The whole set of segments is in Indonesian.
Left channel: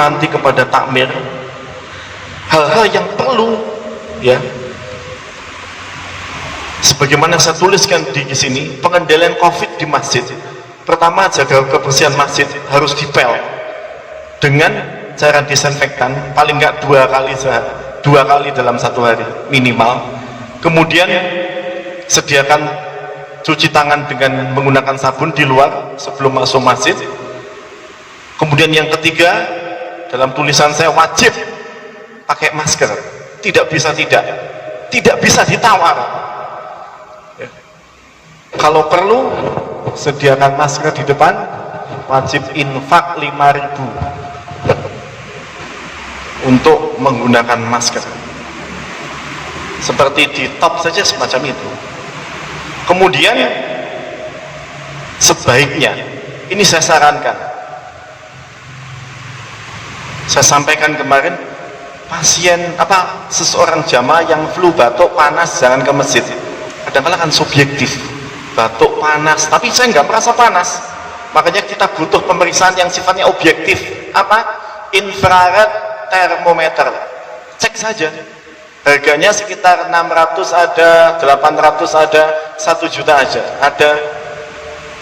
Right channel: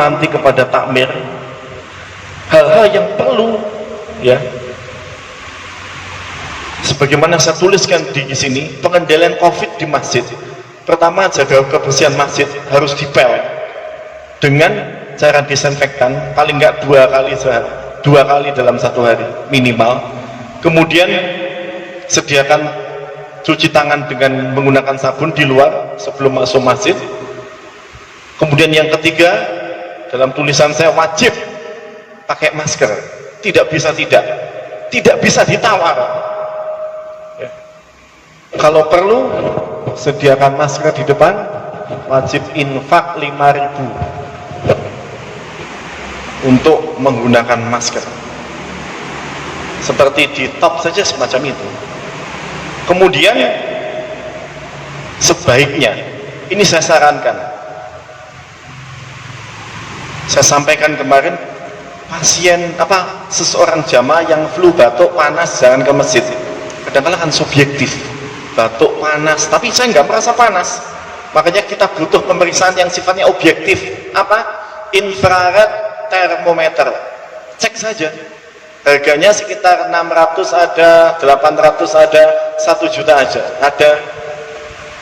memanti kepada takmir, hal-hal yang perlu ya. Sebagaimana saya tuliskan di sini, pengendalian COVID di masjid. Pertama, jaga kebersihan masjid harus dipel dengan cara disinfektan paling enggak dua kali dalam satu hari minimal. Kemudian sediakan cuci tangan dengan menggunakan sabun di luar sebelum masuk masjid. Kemudian yang ketiga, dalam tulisan saya wajib pakai masker, tidak bisa ditawar ya. Kalau perlu sediakan masker di depan, wajib infak 5.000 untuk menggunakan masker, seperti di top saja semacam itu. Kemudian sebaiknya, ini saya sarankan, saya sampaikan kemarin, seseorang jamaah yang flu, batuk, panas, jangan ke masjid. Kadang-kadang kan subjektif, batuk, panas, tapi saya nggak merasa panas. Makanya kita butuh pemeriksaan yang sifatnya objektif. Infrared termometer. Cek saja. Harganya sekitar 600 ada, 800 ada, 1 juta aja ada.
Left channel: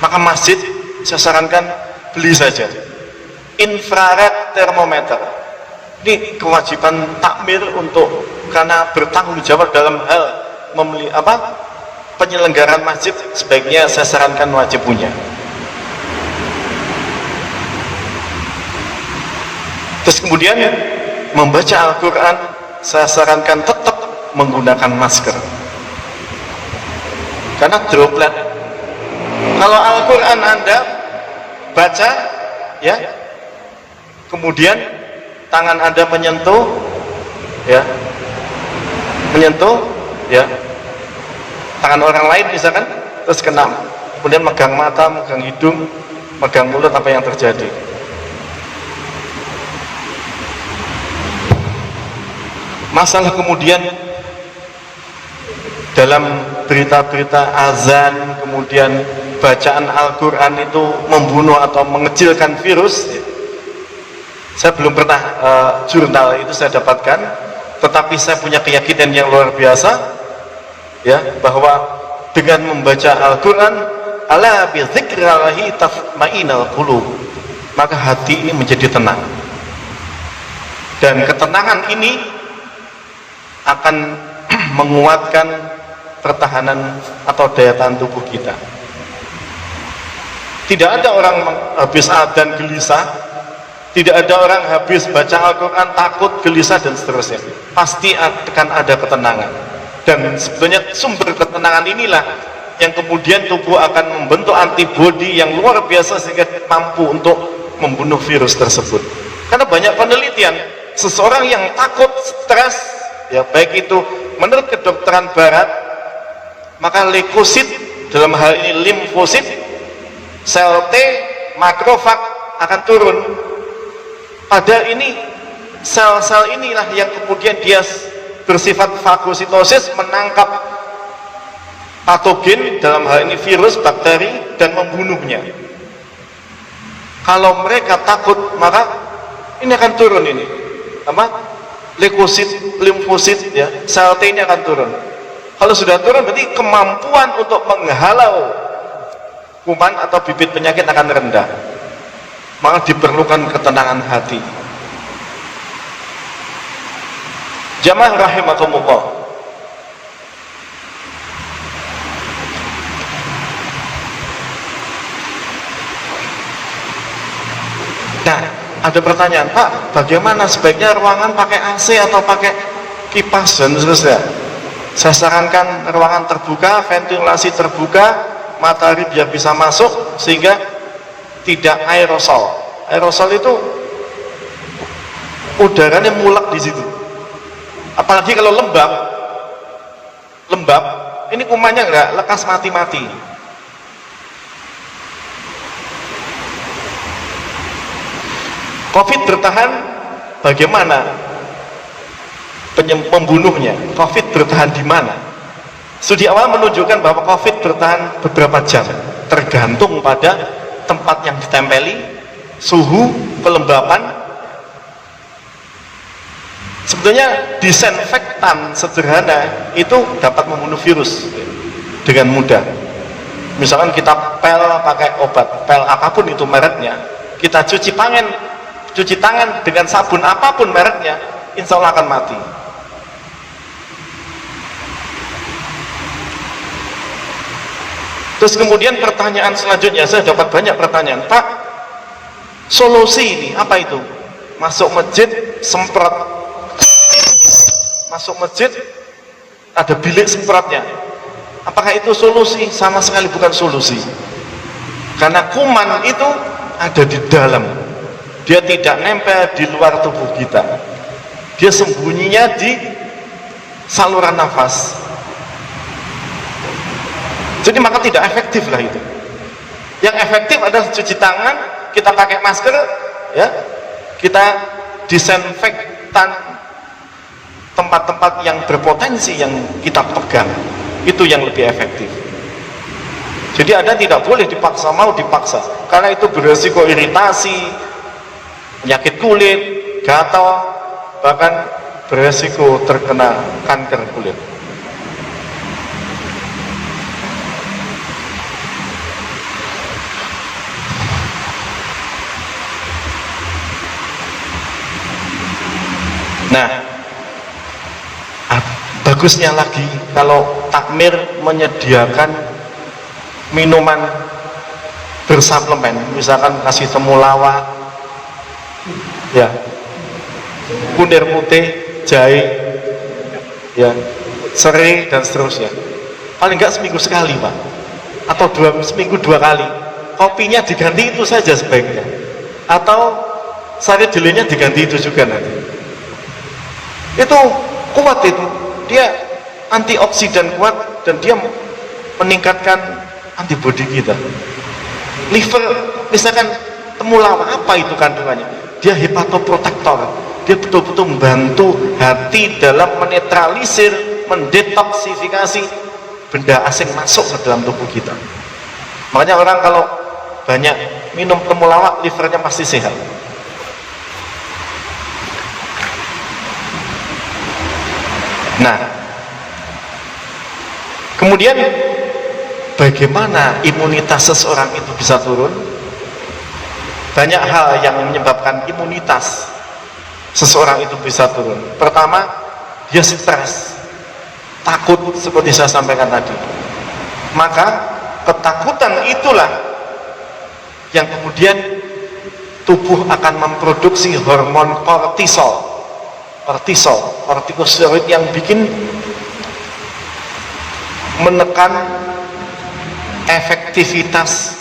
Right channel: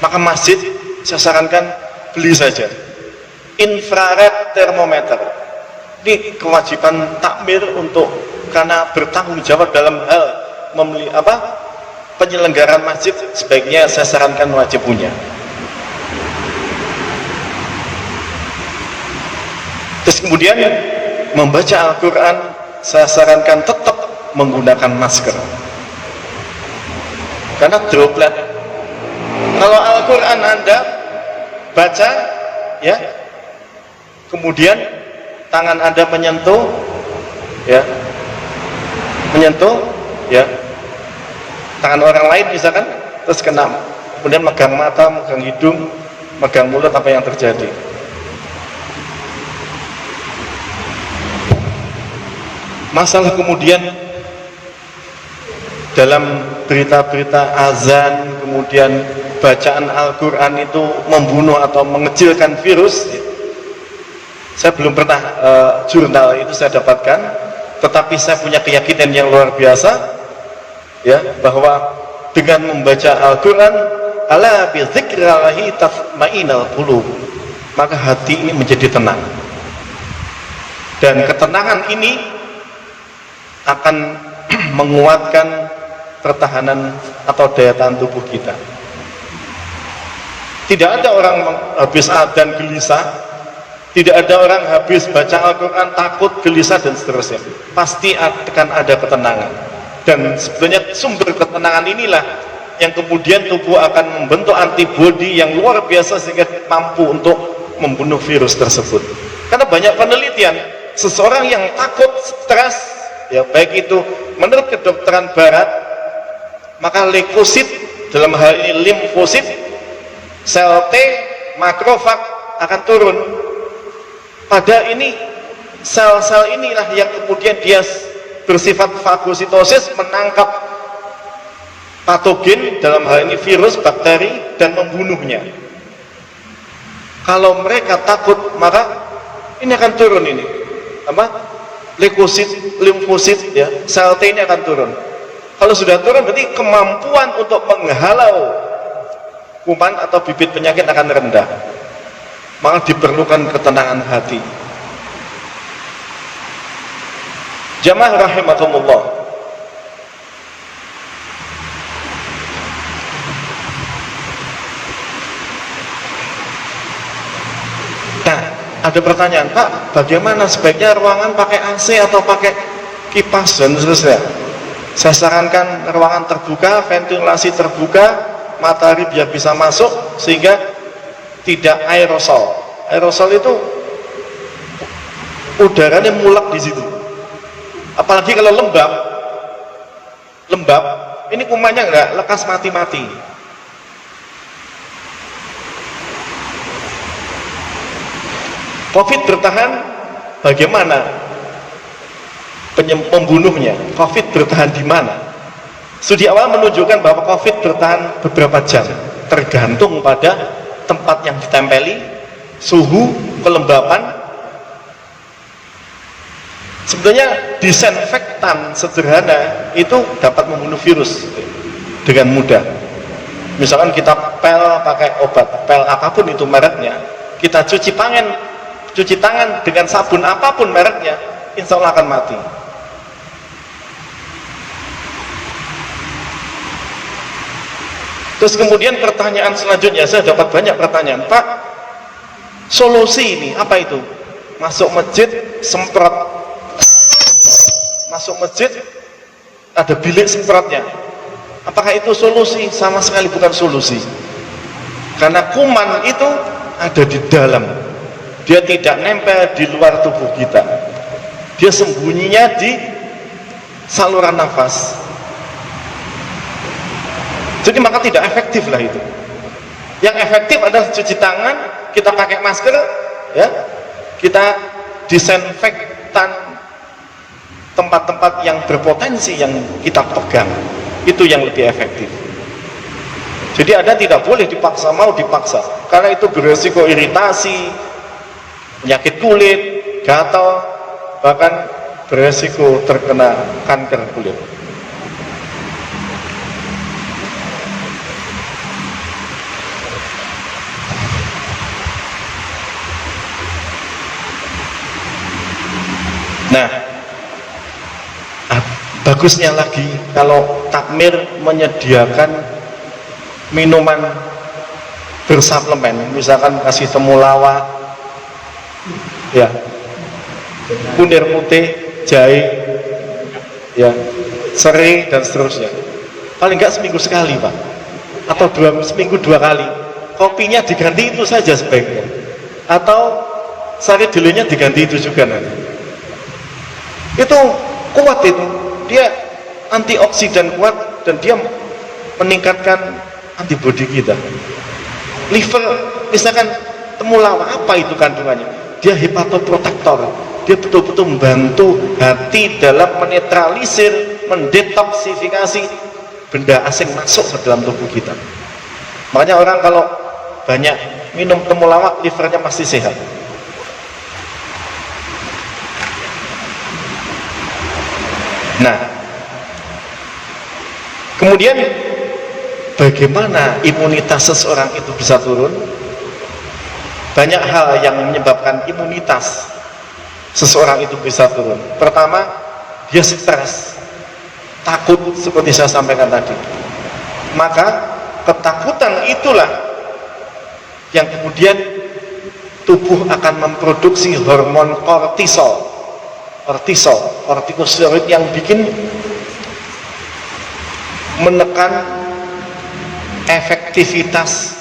Maka masjid saya sarankan beli saja infrared termometer. Ini kewajiban takmir karena bertanggung jawab dalam hal penyelenggaraan masjid, sebaiknya saya sarankan wajib punya. Terus kemudian membaca Al-Quran, saya sarankan tetap menggunakan masker karena droplet. Kalau Al-Quran Anda baca ya, kemudian tangan Anda menyentuh tangan orang lain misalkan, terus kena, kemudian megang mata, megang hidung, megang mulut, apa yang terjadi? Masalah kemudian dalam berita-berita azan, kemudian bacaan Al-Quran itu membunuh atau mengecilkan virus. Saya belum pernah jurnal itu saya dapatkan, tetapi saya punya keyakinan yang luar biasa ya, bahwa dengan membaca Al-Quran, ala bi dzikrillahi tatma'innul qulub, maka hati ini menjadi tenang, dan ketenangan ini akan menguatkan pertahanan atau daya tahan tubuh kita. Tidak ada orang habis adzan gelisah, tidak ada orang habis baca Al-Quran takut, gelisah, dan seterusnya. Pasti akan ada ketenangan, dan sebenarnya sumber ketenangan inilah yang kemudian tubuh akan membentuk antibodi yang luar biasa sehingga mampu untuk membunuh virus tersebut. Karena banyak penelitian, seseorang yang takut, stres ya, baik itu menurut kedokteran barat, maka leukosit, dalam hal ini limfosit, sel T, makrofag akan turun. Pada ini sel-sel inilah yang kemudian dia bersifat fagositosis, menangkap patogen, dalam hal ini virus, bakteri, dan membunuhnya. Kalau mereka takut, maka ini akan turun ini leukosit, limfosit ya, sel T ini akan turun. Kalau sudah turun berarti kemampuan untuk menghalau kuman atau bibit penyakit akan rendah. Maka diperlukan ketenangan hati. Jamaah rahimakumullah, nah ada pertanyaan, Pak, bagaimana sebaiknya ruangan pakai AC atau pakai kipas dan seterusnya? Saya sarankan ruangan terbuka, ventilasi terbuka, matahari biar bisa masuk sehingga tidak aerosol. Aerosol itu udaranya mulek di situ. Apalagi kalau lembab, ini kumannya enggak lekas mati-mati. COVID bertahan, bagaimana pembunuhnya? COVID bertahan di mana? Studi awal menunjukkan bahwa COVID bertahan beberapa jam, tergantung pada tempat yang ditempeli, suhu, kelembapan, Sebetulnya disinfektan sederhana itu dapat membunuh virus dengan mudah. Misalkan kita pel pakai obat, pel apapun itu mereknya, kita cuci tangan dengan sabun apapun mereknya, insya Allah akan mati. Terus kemudian pertanyaan selanjutnya, saya dapat banyak pertanyaan, Pak, solusi ini apa itu? Masuk masjid, semprot. Masuk masjid, ada bilik semprotnya. Apakah itu solusi? Sama sekali bukan solusi. Karena kuman itu ada di dalam. Dia tidak nempel di luar tubuh kita. Dia sembunyinya di saluran nafas. Jadi maka tidak efektif lah itu. Yang efektif adalah cuci tangan, kita pakai masker, ya, kita disinfektan tempat-tempat yang berpotensi yang kita pegang. Itu yang lebih efektif. Jadi Anda tidak boleh dipaksa, mau dipaksa, karena itu beresiko iritasi, penyakit kulit, gatal, bahkan beresiko terkena kanker kulit. Nah, bagusnya lagi kalau takmir menyediakan minuman bersuplemen, misalkan kasih temulawak, ya, kunir putih, jahe, ya, serai dan seterusnya. Paling enggak seminggu sekali, Pak, atau seminggu 2 kali. Kopinya diganti itu saja sebaiknya, atau sari jelenya diganti itu juga nanti. Itu kuat itu, dia antioksidan kuat dan dia meningkatkan antibodi kita. Liver, misalkan temulawak, apa itu kandungannya? Dia hepatoprotektor, dia betul-betul membantu hati dalam menetralisir, mendetoksifikasi benda asing masuk ke dalam tubuh kita. Makanya orang kalau banyak minum temulawak, livernya pasti sehat. Nah, kemudian bagaimana imunitas seseorang itu bisa turun? Banyak hal yang menyebabkan imunitas seseorang itu bisa turun. Pertama, dia stres, takut, seperti saya sampaikan tadi. Maka ketakutan itulah yang kemudian tubuh akan memproduksi hormon kortisol, kortikosteroid yang bikin menekan efektivitas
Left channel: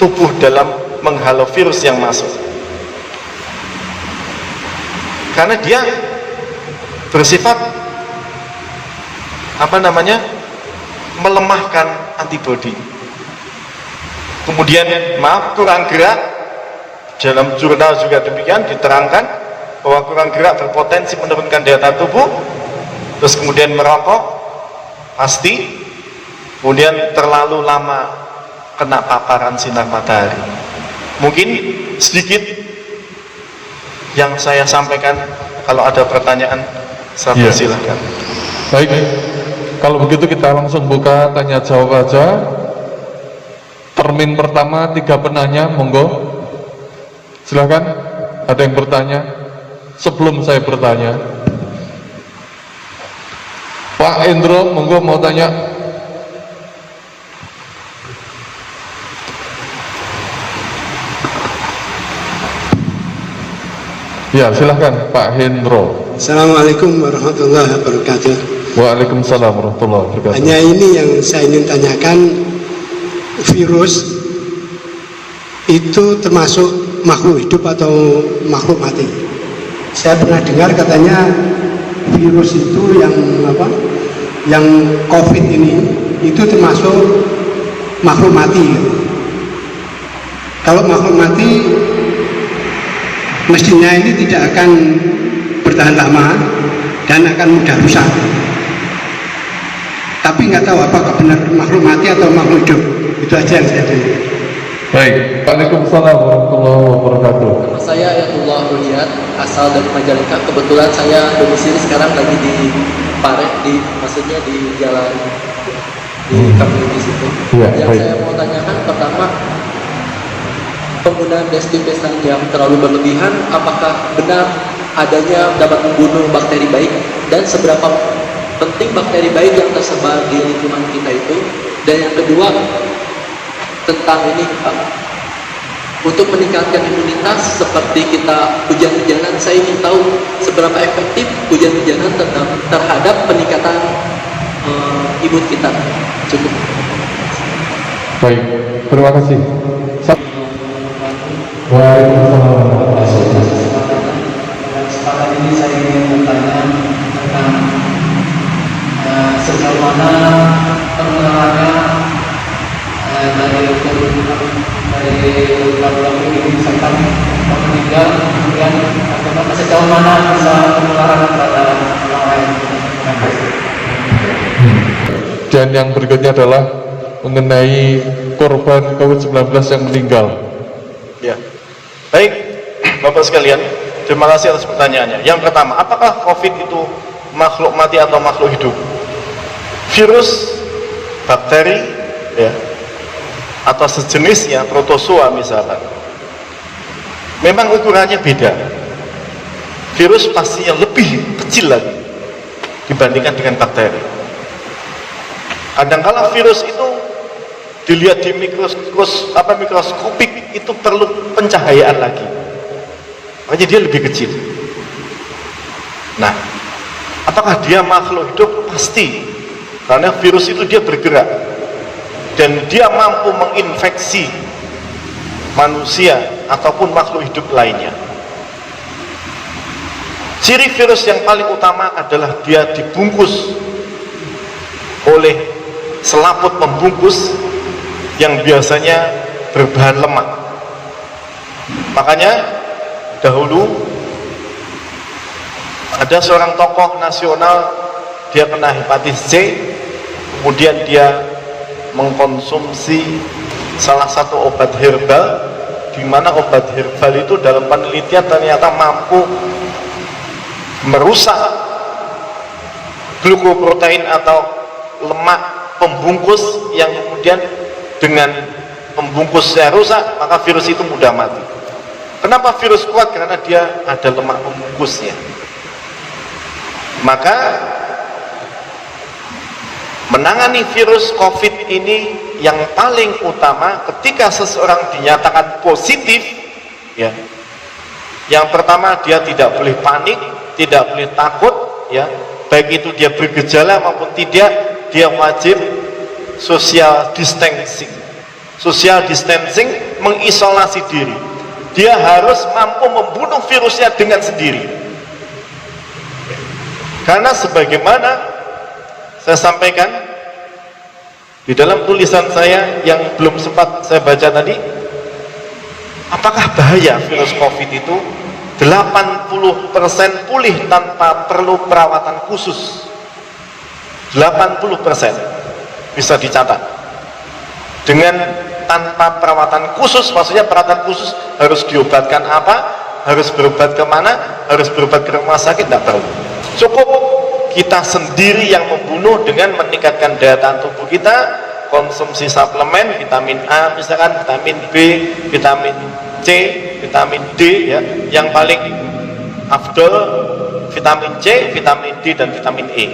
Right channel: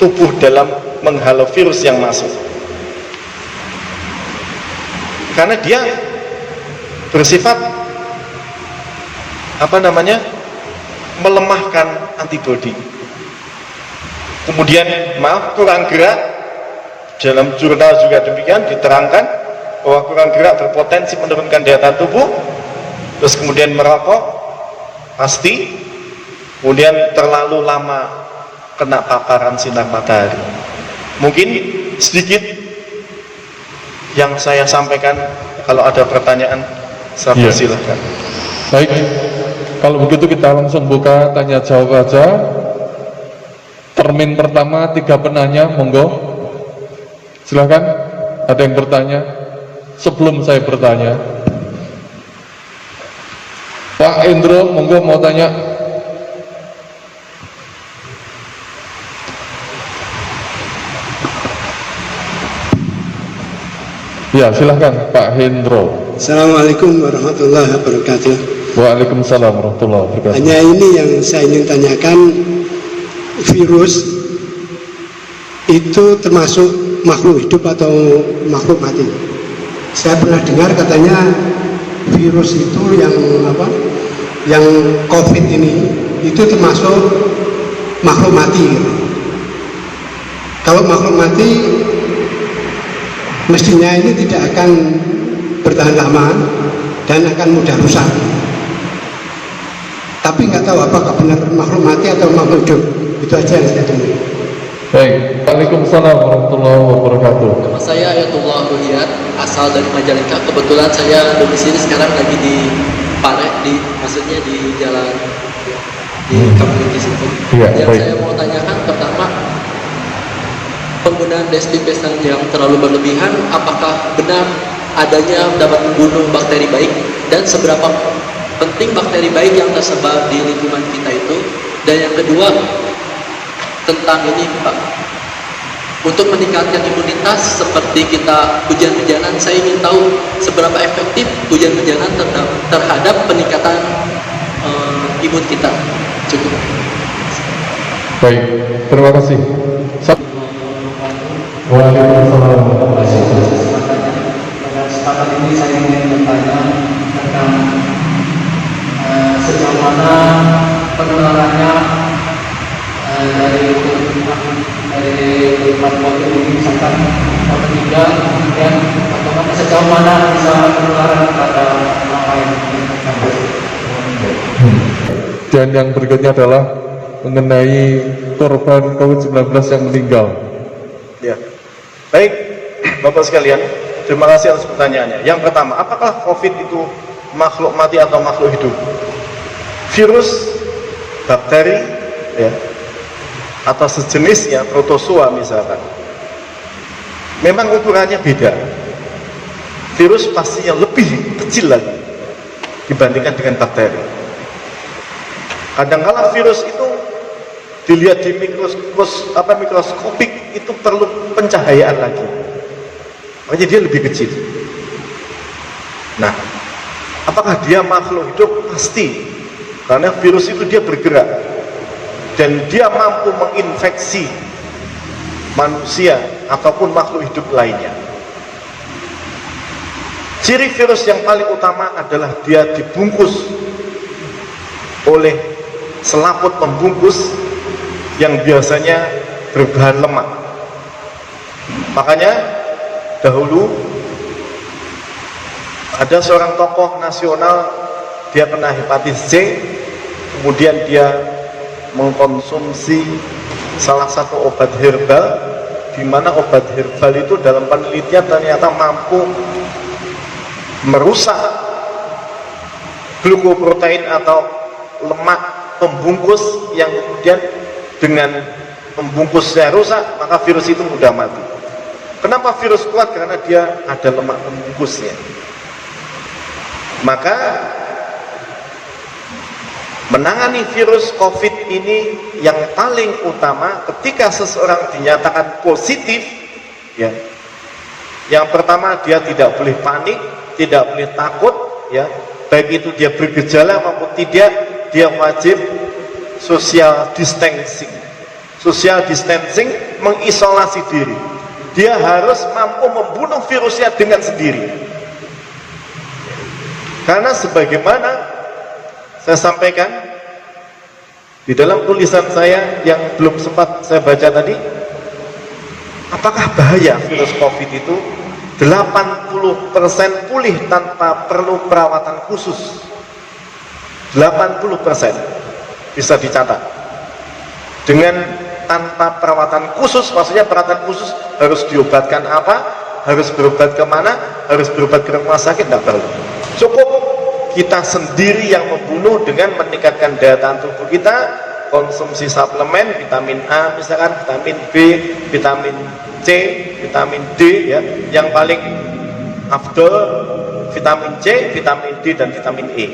tubuh dalam menghalau virus yang masuk. Karena dia bersifat melemahkan antibodi. Kemudian kurang gerak, dalam jurnal juga demikian diterangkan bahwa kurang gerak berpotensi menurunkan daya tahan tubuh. Terus kemudian merokok pasti, kemudian terlalu lama kena paparan sinar matahari. Mungkin sedikit yang saya sampaikan. Kalau ada pertanyaan, saya persilahkan. Baik, kalau begitu kita langsung buka tanya jawab aja. Termin pertama 3 penanya, monggo. Silakan, ada yang bertanya? Sebelum saya bertanya, Pak Endro, monggo mau tanya. Ya, silahkan Pak Hendro. Assalamualaikum warahmatullahi wabarakatuh. Waalaikumsalam warahmatullahi wabarakatuh. Hanya ini yang saya ingin tanyakan, virus itu termasuk makhluk hidup atau makhluk mati? Saya pernah dengar katanya virus itu yang COVID ini itu termasuk makhluk mati. Kalau makhluk mati, mestinya ini tidak akan bertahan lama dan akan mudah rusak. Tapi nggak tahu apakah benar makhluk mati atau makhluk hidup. Itu aja yang saya dengar. Baik, Waalaikumsalam warahmatullahi wabarakatuh. Saya Ayatullah Ruhiyat, asal dari Majalengka. Kebetulan saya domisili sekarang lagi di Pare, maksudnya di jalan di kampung di situ. Iya, Yang baik. saya mau tanyakan pertama, penggunaan desinfektan yang terlalu berlebihan, apakah benar adanya dapat membunuh bakteri baik, dan seberapa penting bakteri baik yang tersebar di lingkungan kita itu? Dan yang kedua, tentang ini Pak, untuk meningkatkan imunitas seperti kita hujan-hujanan, saya ingin tahu seberapa efektif hujan-hujanan terhadap peningkatan imun kita. Cukup. Baik, terima kasih. Waalaikumsalam warahmatullahi wabarakatuh. Pada kesempatan ini saya ingin bertanya tentang sejauh mana penularannya dari kehidupan COVID ini misalkan meninggal, kemudian bagaimana sejauh mana bisa penularan pada orang lain. Dan yang berikutnya adalah mengenai korban COVID-19 yang meninggal. Ya. Baik, Bapak sekalian, terima kasih atas pertanyaannya. Yang pertama, apakah COVID itu makhluk mati atau makhluk hidup? Virus, bakteri, ya, atau sejenisnya, protozoa misalkan, memang ukurannya beda. Virus pastinya lebih kecil lagi dibandingkan dengan bakteri. Kadang-kala virus itu dilihat di mikroskopik itu perlu pencahayaan lagi, makanya dia lebih kecil. Nah, apakah dia makhluk hidup? Pasti, karena virus itu dia bergerak dan dia mampu menginfeksi manusia ataupun makhluk hidup lainnya. Ciri virus yang paling utama adalah dia dibungkus oleh selaput pembungkus yang biasanya berbahan lemak. Makanya dahulu ada seorang tokoh nasional, dia kena hepatitis C, kemudian dia mengkonsumsi salah satu obat herbal, di mana obat herbal itu dalam penelitian ternyata mampu merusak glukoprotein atau lemak pembungkus, yang kemudian dengan pembungkusnya rusak maka virus itu mudah mati. Kenapa virus kuat? Karena dia ada lemak pembungkusnya. Maka menangani virus COVID ini yang paling utama ketika seseorang dinyatakan positif, ya, yang pertama dia tidak boleh panik, tidak boleh takut, ya, baik itu dia bergejala maupun tidak, dia wajib social distancing. Social distancing, mengisolasi diri. Dia harus mampu membunuh virusnya dengan sendiri. Karena sebagaimana saya sampaikan di dalam tulisan saya yang belum sempat saya baca tadi, apakah bahaya virus COVID itu? 80% pulih tanpa perlu perawatan khusus. 80% bisa dicatat. Dengan tanpa perawatan khusus, maksudnya perawatan khusus harus diobatkan apa, harus berobat kemana, harus berobat ke rumah sakit, tidak tahu. Cukup kita sendiri yang membunuh dengan meningkatkan daya tahan tubuh kita, konsumsi suplemen, vitamin A misalkan, vitamin B, vitamin C, vitamin D, ya, yang paling afdol vitamin C, vitamin D, dan vitamin E,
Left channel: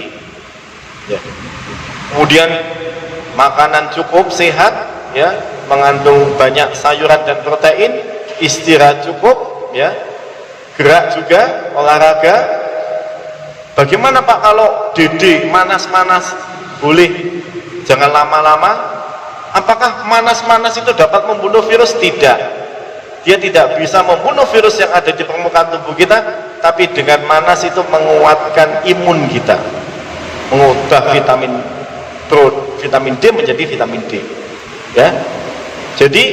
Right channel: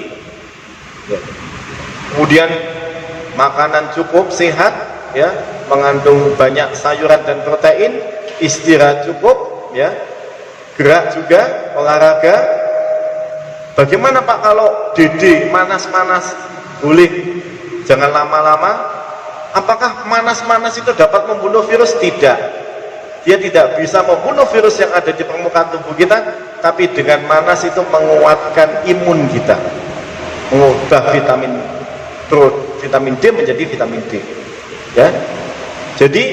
ya. Kemudian makanan cukup sehat, ya, mengandung banyak sayuran dan protein, istirahat cukup, ya, gerak juga, olahraga. Bagaimana Pak kalau DD manas-manas? Boleh, jangan lama-lama. Apakah manas-manas itu dapat membunuh virus? Tidak, dia tidak bisa membunuh virus yang ada di permukaan tubuh kita, tapi dengan manas itu menguatkan imun kita, mengubah vitamin D menjadi vitamin D, ya. Jadi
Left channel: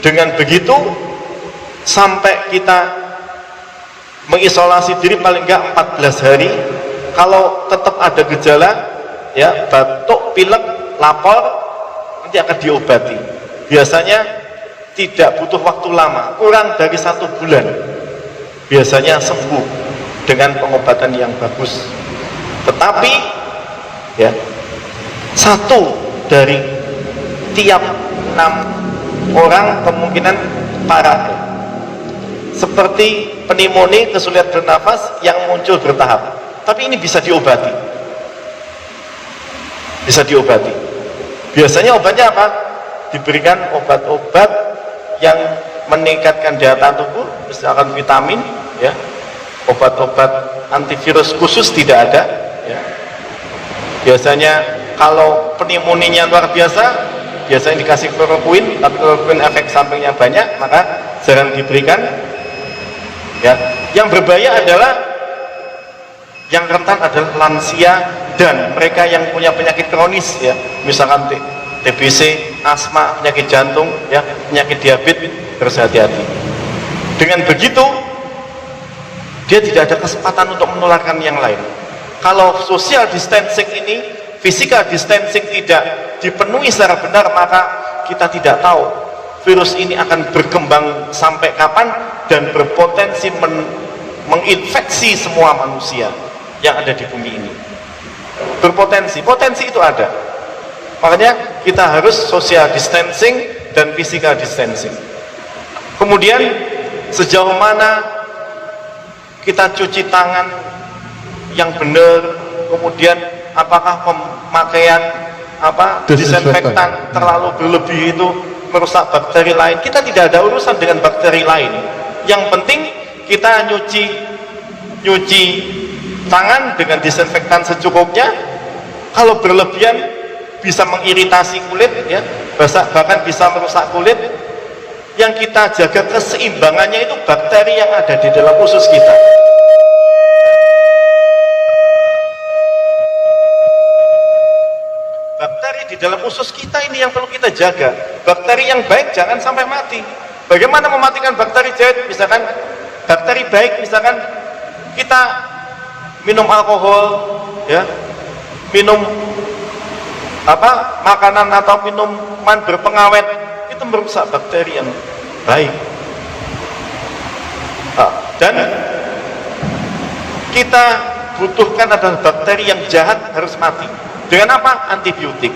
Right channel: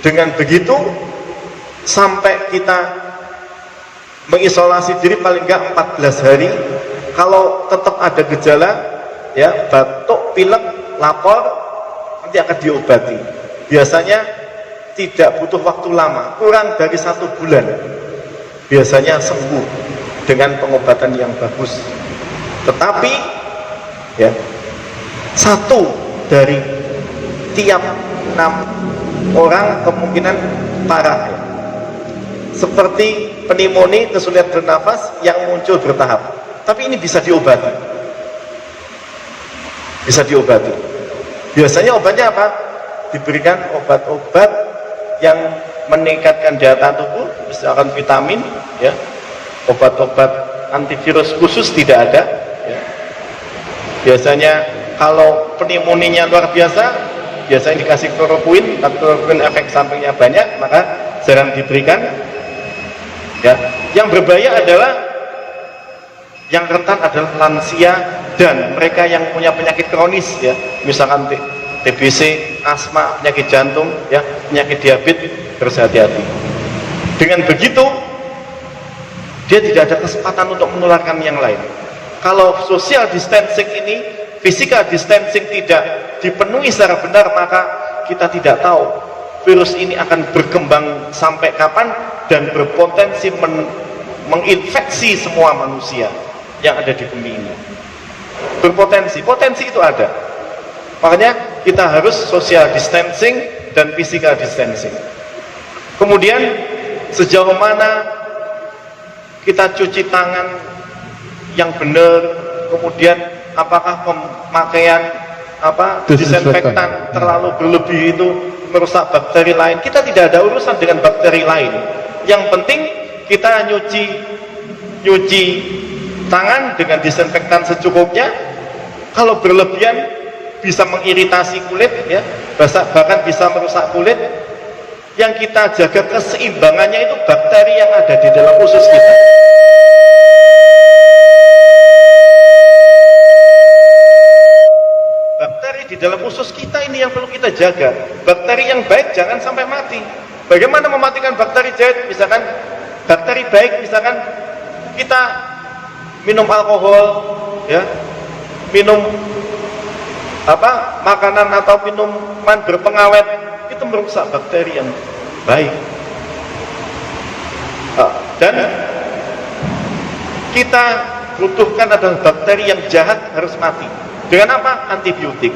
dengan begitu sampai kita mengisolasi diri paling enggak 14 hari. Kalau tetap ada gejala, ya, batuk, pilek, lapar, nanti akan diobati. Biasanya tidak butuh waktu lama, kurang dari 1 bulan biasanya sembuh dengan pengobatan yang bagus. Tetapi ya, 1 dari tiap 6 orang kemungkinan parah, seperti pneumonia, kesulitan bernafas yang muncul bertahap. Tapi ini bisa diobati, biasanya obatnya apa? Diberikan obat-obat yang meningkatkan daya tahan tubuh, misalkan vitamin, ya, obat-obat antivirus khusus tidak ada, ya. Biasanya kalau pneumonia luar biasa, biasanya dikasih kloroquine, tapi kloroquine efek sampingnya banyak, maka jarang diberikan. Ya, yang berbahaya adalah yang rentan adalah lansia dan mereka yang punya penyakit kronis, ya, misalkan TBC, asma, penyakit jantung, ya, penyakit diabetes, harus hati-hati. Dengan begitu, dia tidak ada kesempatan untuk menularkan yang lain. Kalau social distancing ini, physical distancing tidak dipenuhi secara benar, maka kita tidak tahu virus ini akan berkembang sampai kapan dan berpotensi menginfeksi semua manusia yang ada di bumi ini. Potensi itu ada. Makanya kita harus social distancing dan physical distancing. Kemudian sejauh mana kita cuci tangan yang benar, kemudian apakah pemakaian disinfektan terlalu berlebih itu merusak bakteri lain. Kita tidak ada urusan dengan bakteri lain. Yang penting kita nyuci tangan dengan disinfektan secukupnya. Kalau berlebihan bisa mengiritasi kulit, ya, bahkan bisa merusak kulit. Yang kita jaga keseimbangannya itu bakteri yang ada di dalam usus kita. Bakteri di dalam usus kita ini yang perlu kita jaga. Bakteri yang baik jangan sampai mati. Bagaimana mematikan bakteri jahat? Misalkan bakteri baik, misalkan kita minum alkohol, ya, minum makanan atau minuman berpengawet, itu merusak bakteri yang baik. Dan kita butuhkan adalah bakteri yang jahat harus mati. Dengan apa? Antibiotik.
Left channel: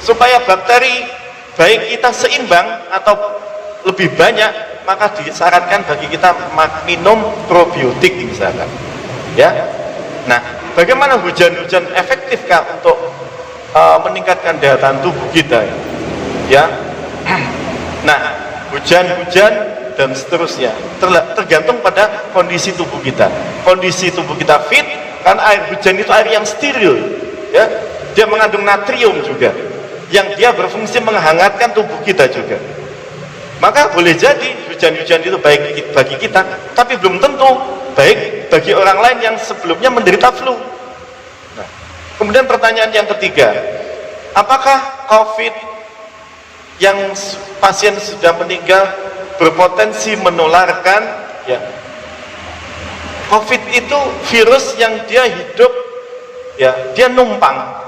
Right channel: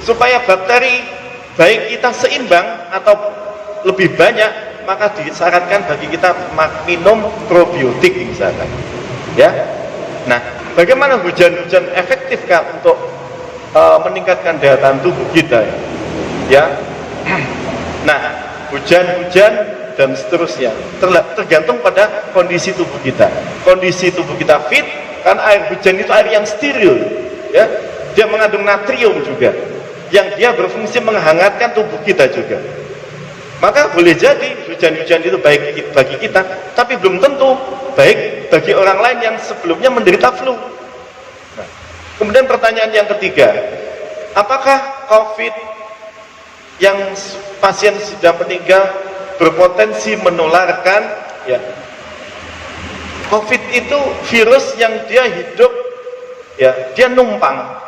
Supaya bakteri baik kita seimbang atau lebih banyak, maka disarankan bagi kita minum probiotik misalkan. Ya. Nah, bagaimana hujan-hujan efektifkah untuk meningkatkan daya tahan tubuh kita? Ya. Nah, hujan-hujan dan seterusnya tergantung pada kondisi tubuh kita. Kondisi tubuh kita fit, kan air hujan itu air yang steril, ya. Dia mengandung natrium juga, yang dia berfungsi menghangatkan tubuh kita juga. Maka boleh jadi hujan-hujan itu baik bagi kita, tapi belum tentu baik bagi orang lain yang sebelumnya menderita flu. Nah, kemudian pertanyaan yang ketiga, apakah COVID yang pasien sudah meninggal berpotensi menularkan? Ya, COVID itu virus yang dia hidup, ya, dia numpang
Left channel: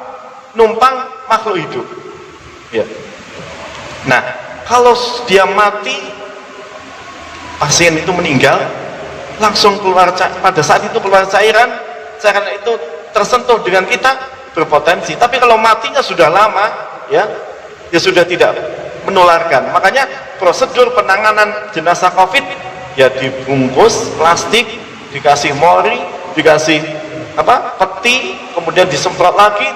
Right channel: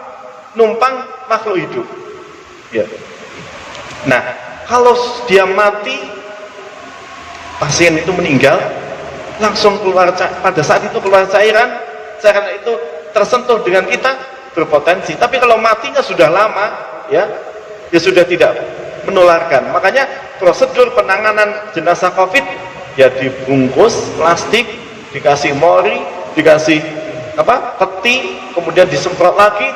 makhluk hidup. Ya. Nah, kalau dia mati, pasien itu meninggal, langsung keluar pada saat itu keluar cairan itu tersentuh dengan kita, berpotensi. Tapi kalau matinya sudah lama, ya sudah tidak menularkan. Makanya prosedur penanganan jenazah COVID, ya dibungkus plastik, dikasih mori, dikasih peti, kemudian disemprot lagi,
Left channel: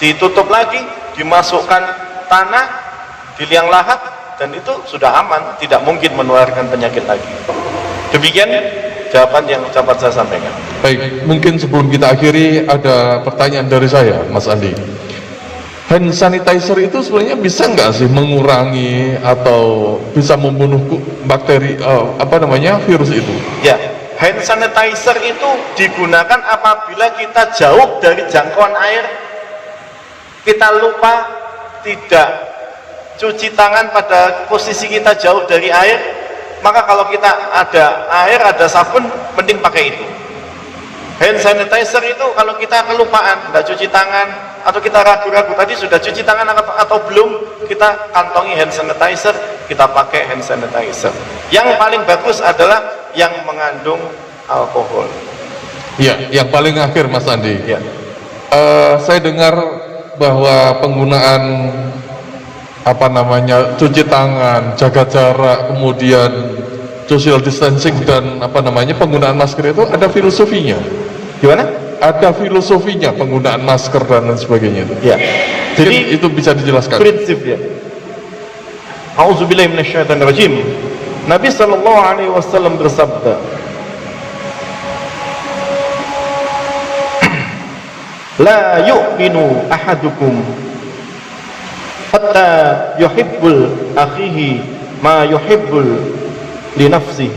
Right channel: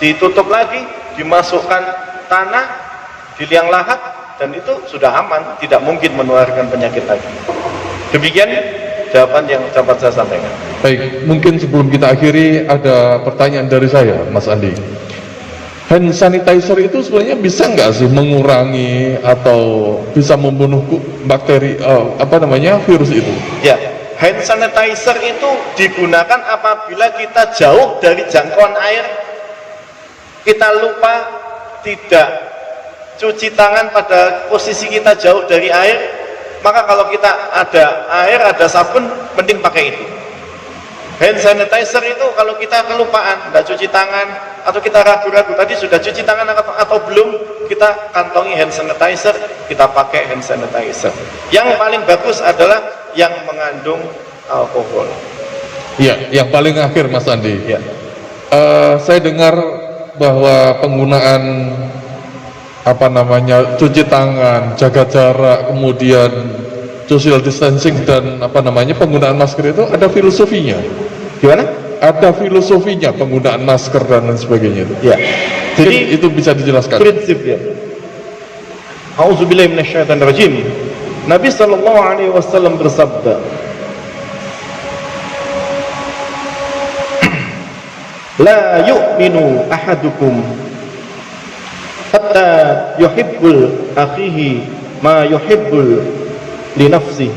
ditutup lagi, dimasukkan tanah, di liang lahat, dan itu sudah aman, tidak mungkin menularkan penyakit lagi. Demikian jawaban yang dapat saya sampaikan. Baik, mungkin sebelum kita akhiri ada pertanyaan dari saya, Mas Andi. Hand sanitizer itu sebenarnya bisa nggak sih mengurangi atau bisa membunuh bakteri virus itu? Ya, hand sanitizer itu digunakan apabila kita jauh dari jangkauan air, kita lupa tidak cuci tangan pada posisi kita jauh dari air, maka kalau kita ada air, ada sabun, mending pakai itu. Hand sanitizer itu kalau kita kelupaan, tidak cuci tangan, atau kita ragu-ragu tadi sudah cuci tangan atau belum, kita kantongi hand sanitizer, kita pakai hand sanitizer. Yang paling bagus adalah yang mengandung alkohol. Ya, yang paling akhir Mas Andi. Ya. Saya dengar bahwa penggunaan cuci tangan, jaga jarak, kemudian social distancing dan penggunaan masker itu ada filosofinya. Gimana? Ada filosofinya penggunaan masker dan lain sebagainya itu. Ya. Jadi itu bisa dijelaskan. Prinsipnya. A'udzubillahi minasyaitonirrajim. Nabi sallallahu alaihi wasallam bersabda, "La yu'minu ahadukum hatta yuhibbul akhihi ma yuhibbul li nafsihi."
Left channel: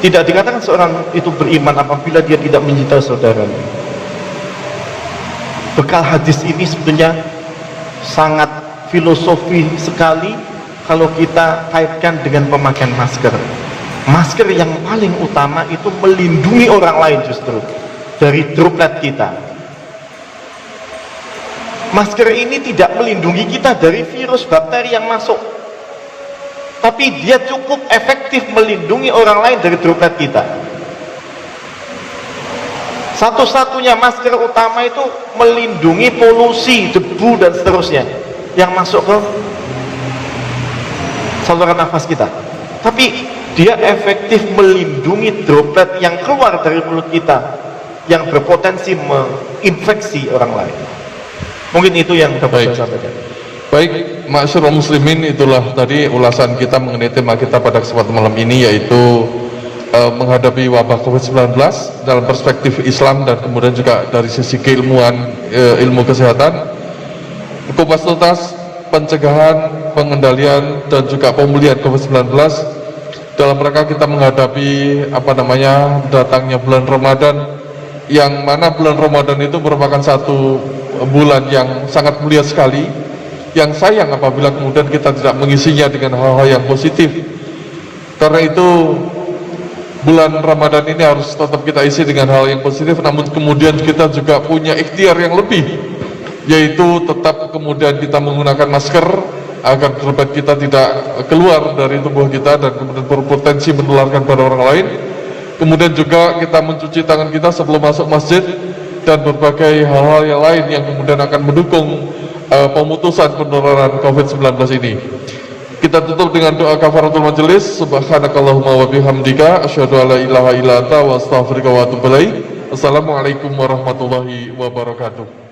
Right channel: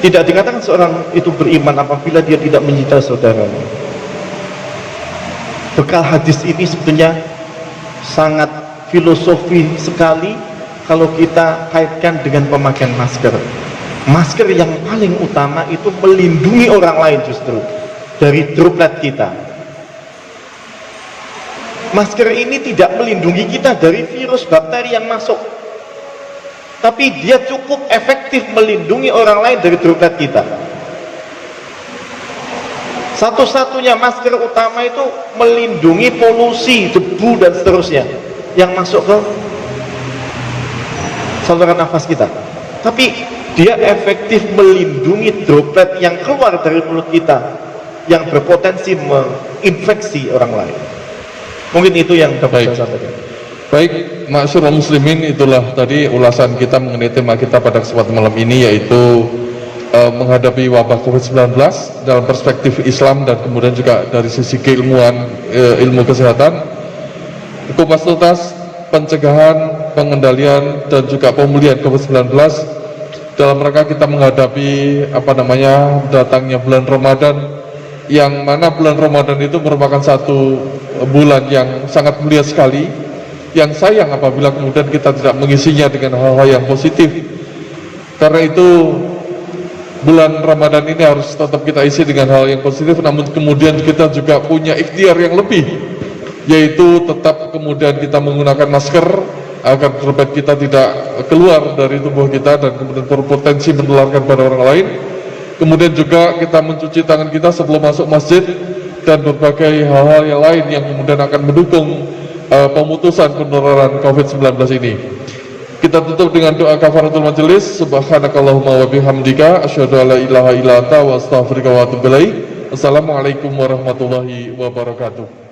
Tidak dikatakan seorang itu beriman apabila dia tidak mencintai saudaranya. Bekal hadis ini sebenarnya sangat filosofi sekali kalau kita kaitkan dengan pemakaian masker. Masker yang paling utama itu melindungi orang lain justru dari droplet kita. Masker ini tidak melindungi kita dari virus bakteri yang masuk, tapi dia cukup efektif melindungi orang lain dari droplet kita. Satu-satunya masker utama itu melindungi polusi, debu dan seterusnya yang masuk ke saluran nafas kita. Tapi dia efektif melindungi droplet yang keluar dari mulut kita yang berpotensi menginfeksi orang lain. Mungkin itu yang dapat saya sampaikan. Baik, ma'asyiral muslimin, itulah tadi ulasan kita mengenai tema kita pada kesempatan malam ini, yaitu menghadapi wabah COVID-19 dalam perspektif Islam dan kemudian juga dari sisi keilmuan, ilmu kesehatan, kupas tuntas pencegahan, pengendalian dan juga pemulihan COVID-19 dalam rangka kita menghadapi datangnya bulan Ramadan, yang mana bulan Ramadan itu merupakan satu bulan yang sangat mulia sekali, yang sayang apabila kemudian kita tidak mengisinya dengan hal-hal yang positif. Karena itu bulan Ramadan ini harus tetap kita isi dengan hal yang positif, namun kemudian kita juga punya ikhtiar yang lebih, yaitu tetap kemudian kita menggunakan masker agar droplet kita tidak keluar dari tubuh kita dan kemudian berpotensi menularkan pada orang lain. Kemudian juga kita mencuci tangan kita sebelum masuk masjid dan berbagai hal-hal yang lain yang kemudian akan mendukung pemutusan penularan COVID-19 ini. Kita tutup dengan doa kafaratul majelis. Subhanakallahumma wa bihamdika asyhadu an la ilaha illa anta wa astaghfiruka wa atubu ilaik. Wassalamualaikum warahmatullahi wabarakatuh.